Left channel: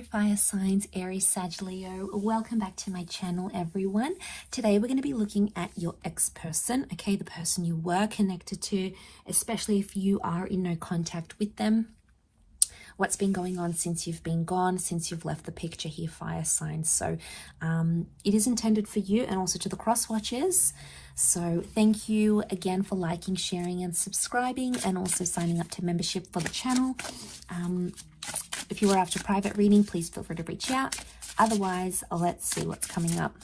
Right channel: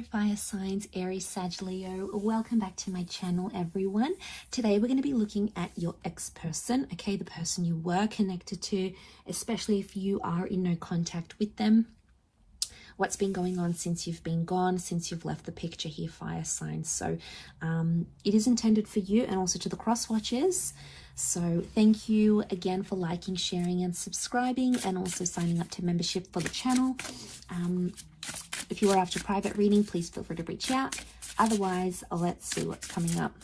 Fire signs, Aries, Sag, Leo. Welcome back to my channel, everyone. Today we're going to be looking at your ex-person, okay, the person you were connected to, especially if you are in no contact with them. What's been going on since you've been gone, since you've left the picture here, fire signs. So it is intended for you and also to the cross watchers. So thank you again for liking, sharing and subscribing, and also signing up to membership for the channel. If you are after private reading, please feel free to reach out. Otherwise, let's see what's coming up.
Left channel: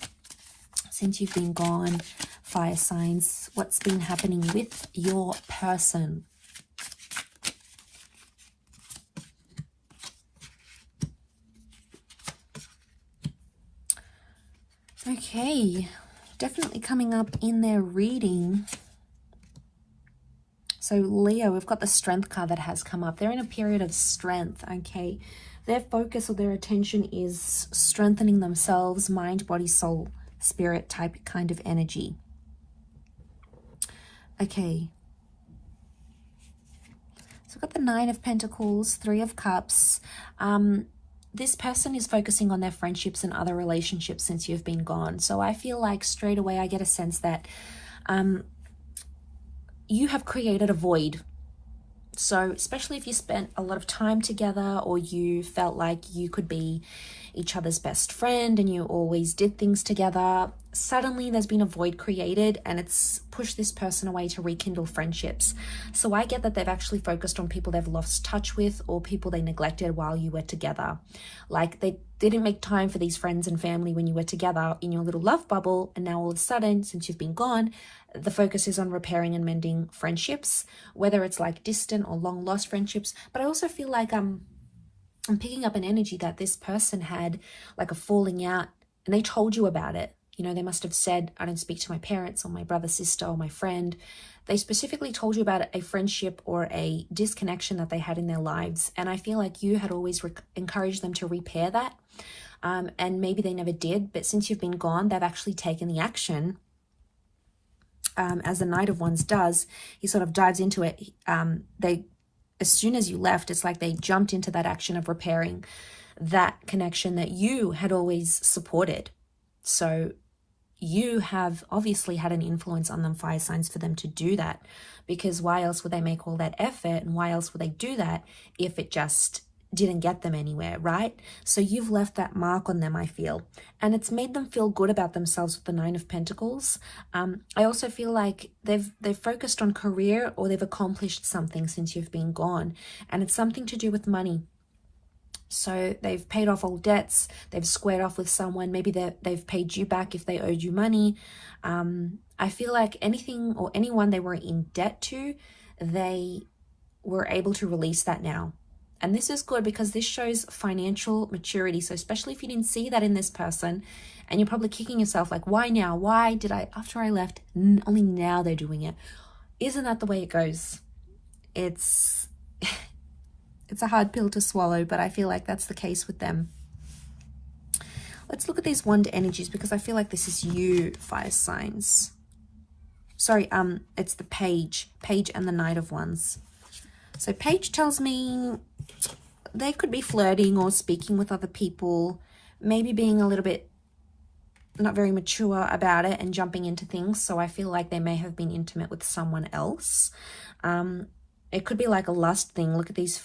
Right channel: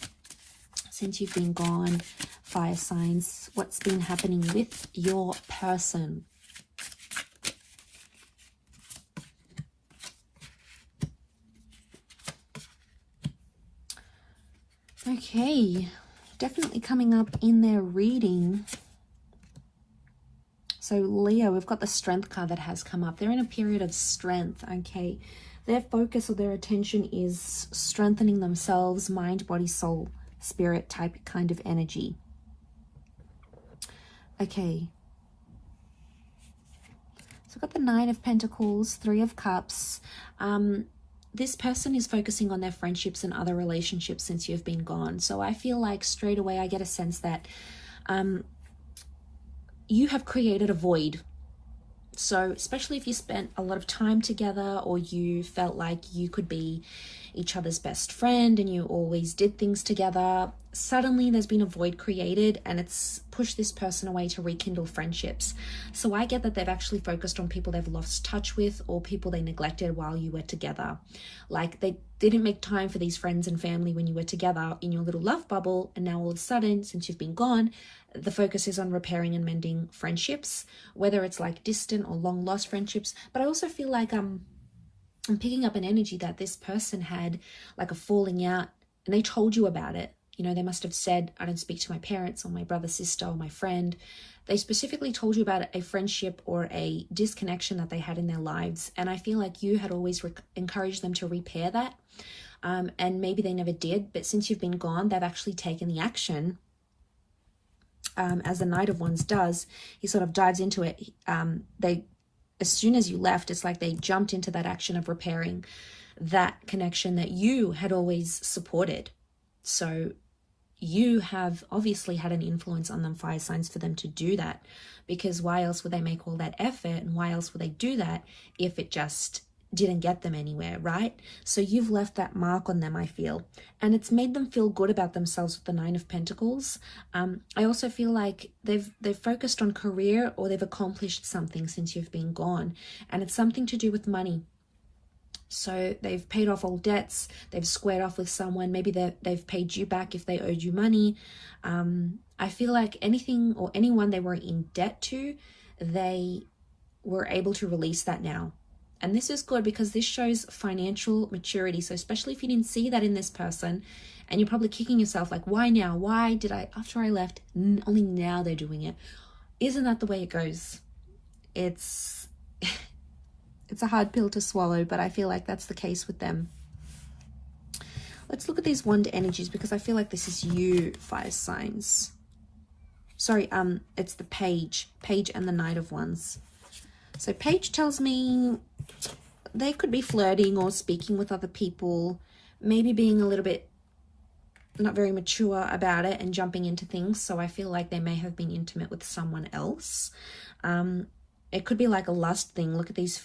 Since you've been gone, fire signs, what's been happening with your person? Okay, definitely coming up in their reading. So Leo, we've got the Strength card that has come up. They're in a period of strength, okay? Their focus or their attention is strengthening themselves, mind, body, soul, spirit type kind of energy. Okay. So we've got the Nine of Pentacles, Three of Cups. This person is focusing on their friendships and other relationships since you've been gone. So I feel like straight away I get a sense that you have created a void. So especially if you spent a lot of time together, or you felt like you could be each other's best friend and you always did things together, suddenly there's been a void created and it's pushed this person away to rekindle friendships. So I get that they've actually focused on people they've lost touch with or people they neglected while you were together. Like they didn't make time for these friends and family when you were together in your little love bubble, and now all of a sudden, since you've been gone, the focus is on repairing and mending friendships, whether it's like distant or long lost friendships. But I also feel like I'm picking up an energy that this person had like a falling out and they told you about it. You know, they must have said, I don't speak to my parents or my brother, sister, or my friend. They specifically told you about a friendship or a disconnection that they had in their lives. And I feel like you had always encouraged them to repair that. And maybe they never did, but since you've been gone, they've actually taken the action. As the Knight of Wands does, he sort of dives into it. As soon as you left, it's like they jumped into that action of repairing that connection that you had always supported. So you have obviously had an influence on them, fire signs, for them to do that, because why else would they make all that effort, and why else would they do that if it just didn't get them anywhere, right? So you've left that mark on them, I feel, and it's made them feel good about themselves with the Nine of Pentacles. I also feel like they've focused on career, or they've accomplished something since you've been gone, and it's something to do with money. So they've paid off all debts, they've squared off with someone, maybe they've paid you back if they owed you money. I feel like anything or anyone they were in debt to, they were able to release that now. And this is good because this shows financial maturity. So especially if you didn't see that in this person, and you're probably kicking yourself like, why now? Why did I, after I left, only now they're doing it? Isn't that the way it goes? It's a hard pill to swallow, but I feel like that's the case with them. Let's look at these wand energies, because I feel like this is you, fire signs. Sorry, it's the Page and the Knight of Wands. So Page tells me they could be flirting or speaking with other people, maybe being a little bit not very mature about it and jumping into things. So I feel like they may have been intimate with someone else. It could be like a lust thing. Look at these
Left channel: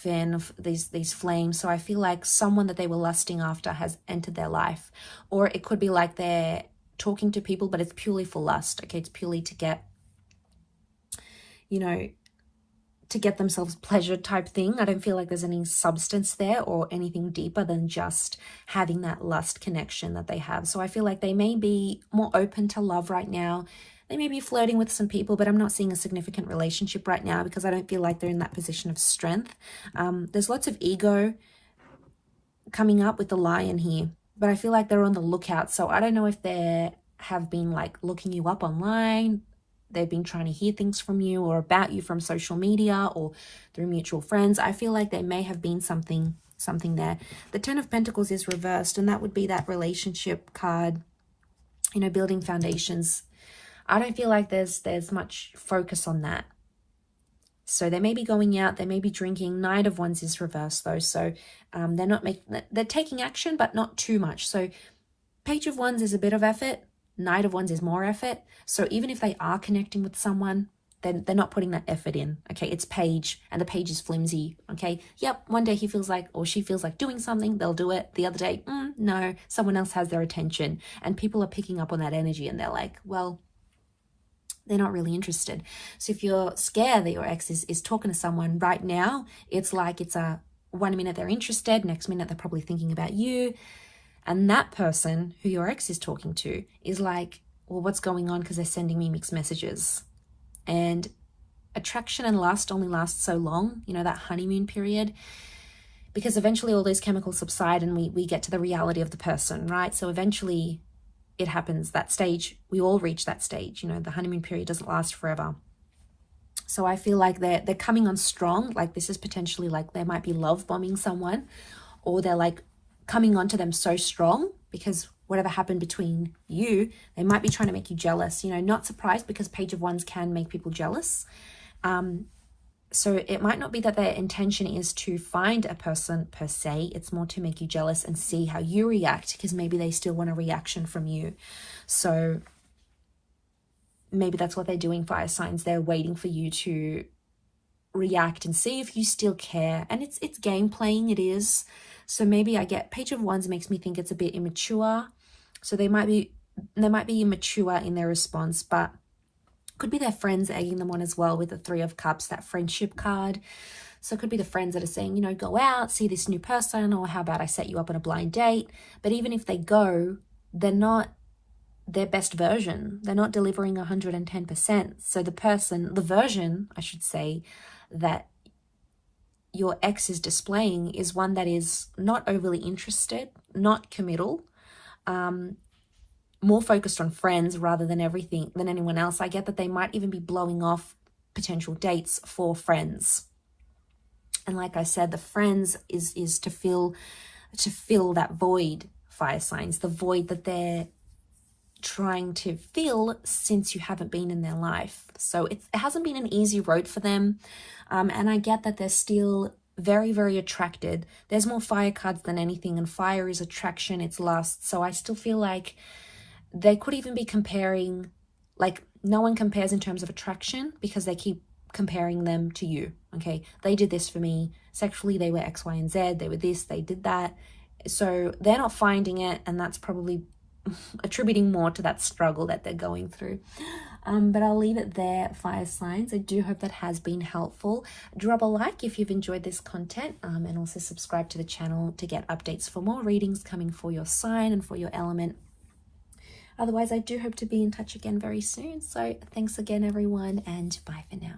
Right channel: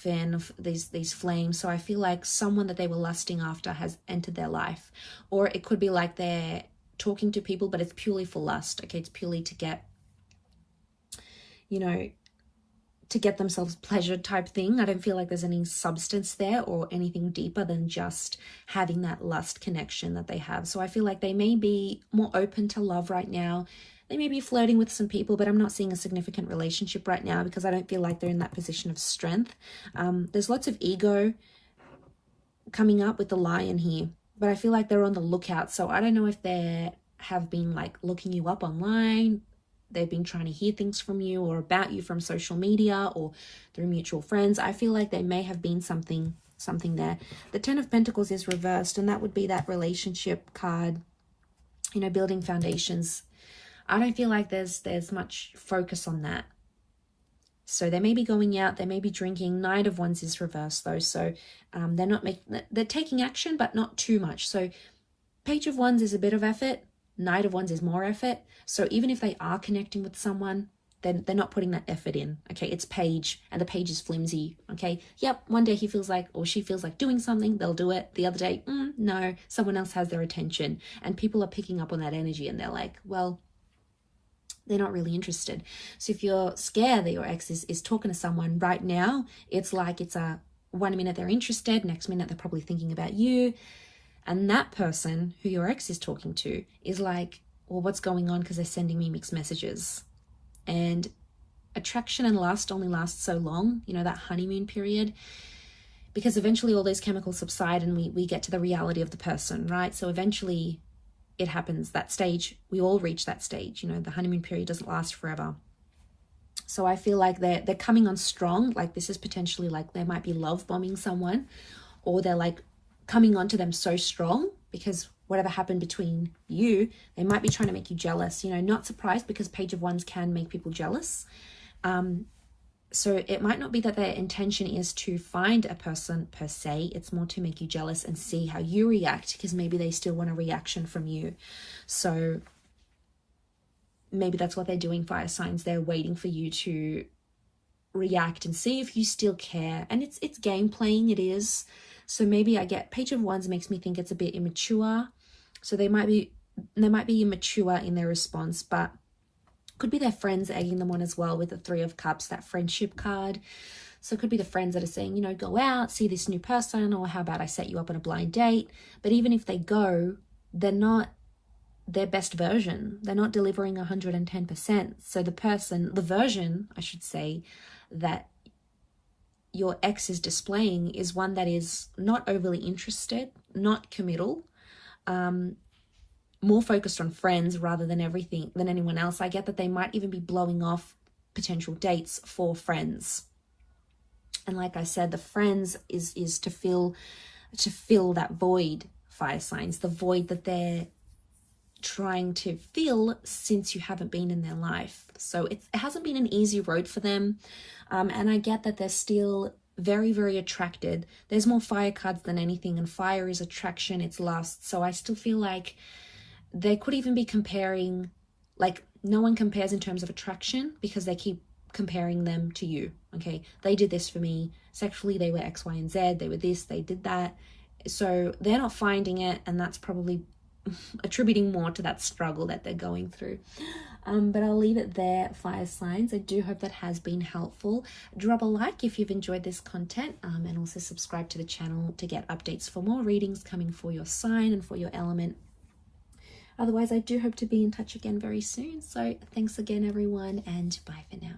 these flames. So I feel like someone that they were lusting after has entered their life. Or it could be like they're talking to people, but it's purely for lust. Okay, it's purely to get, you know, to get themselves pleasure type thing. I don't feel like there's any substance there or anything deeper than just having that lust connection that they have. So I feel like they may be more open to love right now. They may be flirting with some people, but I'm not seeing a significant relationship right now because I don't feel like they're in that position of strength. There's lots of ego coming up with the Lion here, but I feel like they're on the lookout. So I don't know if they have been like looking you up online. They've been trying to hear things from you or about you from social media or through mutual friends. I feel like there may have been something there. The Ten of Pentacles is reversed, and that would be that relationship card, you know, building foundations. I don't feel like there's much focus on that. So they may be going out, they may be drinking. Knight of Wands is reversed though. So they're taking action, but not too much. So Page of Wands is a bit of effort. Knight of Wands is more effort. So even if they are connecting with someone, then they're not putting that effort in. Okay, it's Page, and the Page is flimsy. Okay, yep, one day he feels like, or she feels like doing something, they'll do it. The other day, no, someone else has their attention. And people are picking up on that energy, and they're like, well, they're not really interested. So if you're scared that your ex is talking to someone right now, it's like it's a 1 minute they're interested, next minute they're probably thinking about you. And that person who your ex is talking to is like, well, what's going on? Because they're sending me mixed messages. And attraction and lust only lasts so long, you know, that honeymoon period, because eventually all those chemicals subside and we get to the reality of the person, right? So eventually it happens, that stage, we all reach that stage, you know, the honeymoon period doesn't last forever. So I feel like they're coming on strong. Like this is potentially like they might be love bombing someone, or they're like coming onto them so strong because whatever happened between you, they might be trying to make you jealous. You know, not surprised, because Page of Wands can make people jealous. So it might not be that their intention is to find a person per se. It's more to make you jealous and see how you react, because maybe they still want a reaction from you. So maybe that's what they're doing, fire signs. They're waiting for you to react and see if you still care. And it's game playing, it is. So maybe I get Page of Wands makes me think it's a bit immature. So they might be immature in their response, but could be their friends egging them on as well with the Three of Cups, that friendship card. So it could be the friends that are saying, you know, go out, see this new person, or how about I set you up on a blind date. But even if they go, they're not their best version. They're not delivering 110%. So the version, I should say, that your ex is displaying is one that is not overly interested, not committal, more focused on friends rather than anyone else. I get that they might even be blowing off potential dates for friends. And like I said, the friends is to fill that void, fire signs, the void that they're trying to fill since you haven't been in their life. So it hasn't been an easy road for them. And I get that they're still very, very attracted. There's more fire cards than anything, and fire is attraction, it's lust. So I still feel like they could even be comparing, like no one compares in terms of attraction because they keep comparing them to you. Okay, they did this for me sexually, they were X, Y, and Z, they were this, they did that. So they're not finding it, and that's probably attributing more to that struggle that they're going through. But I'll leave it there, fire signs. I do hope that has been helpful. Drop a like if you've enjoyed this content, and also subscribe to the channel to get updates for more readings coming for your sign and for your element. Otherwise, I do hope to be in touch again very soon. So thanks again, everyone, and bye for now.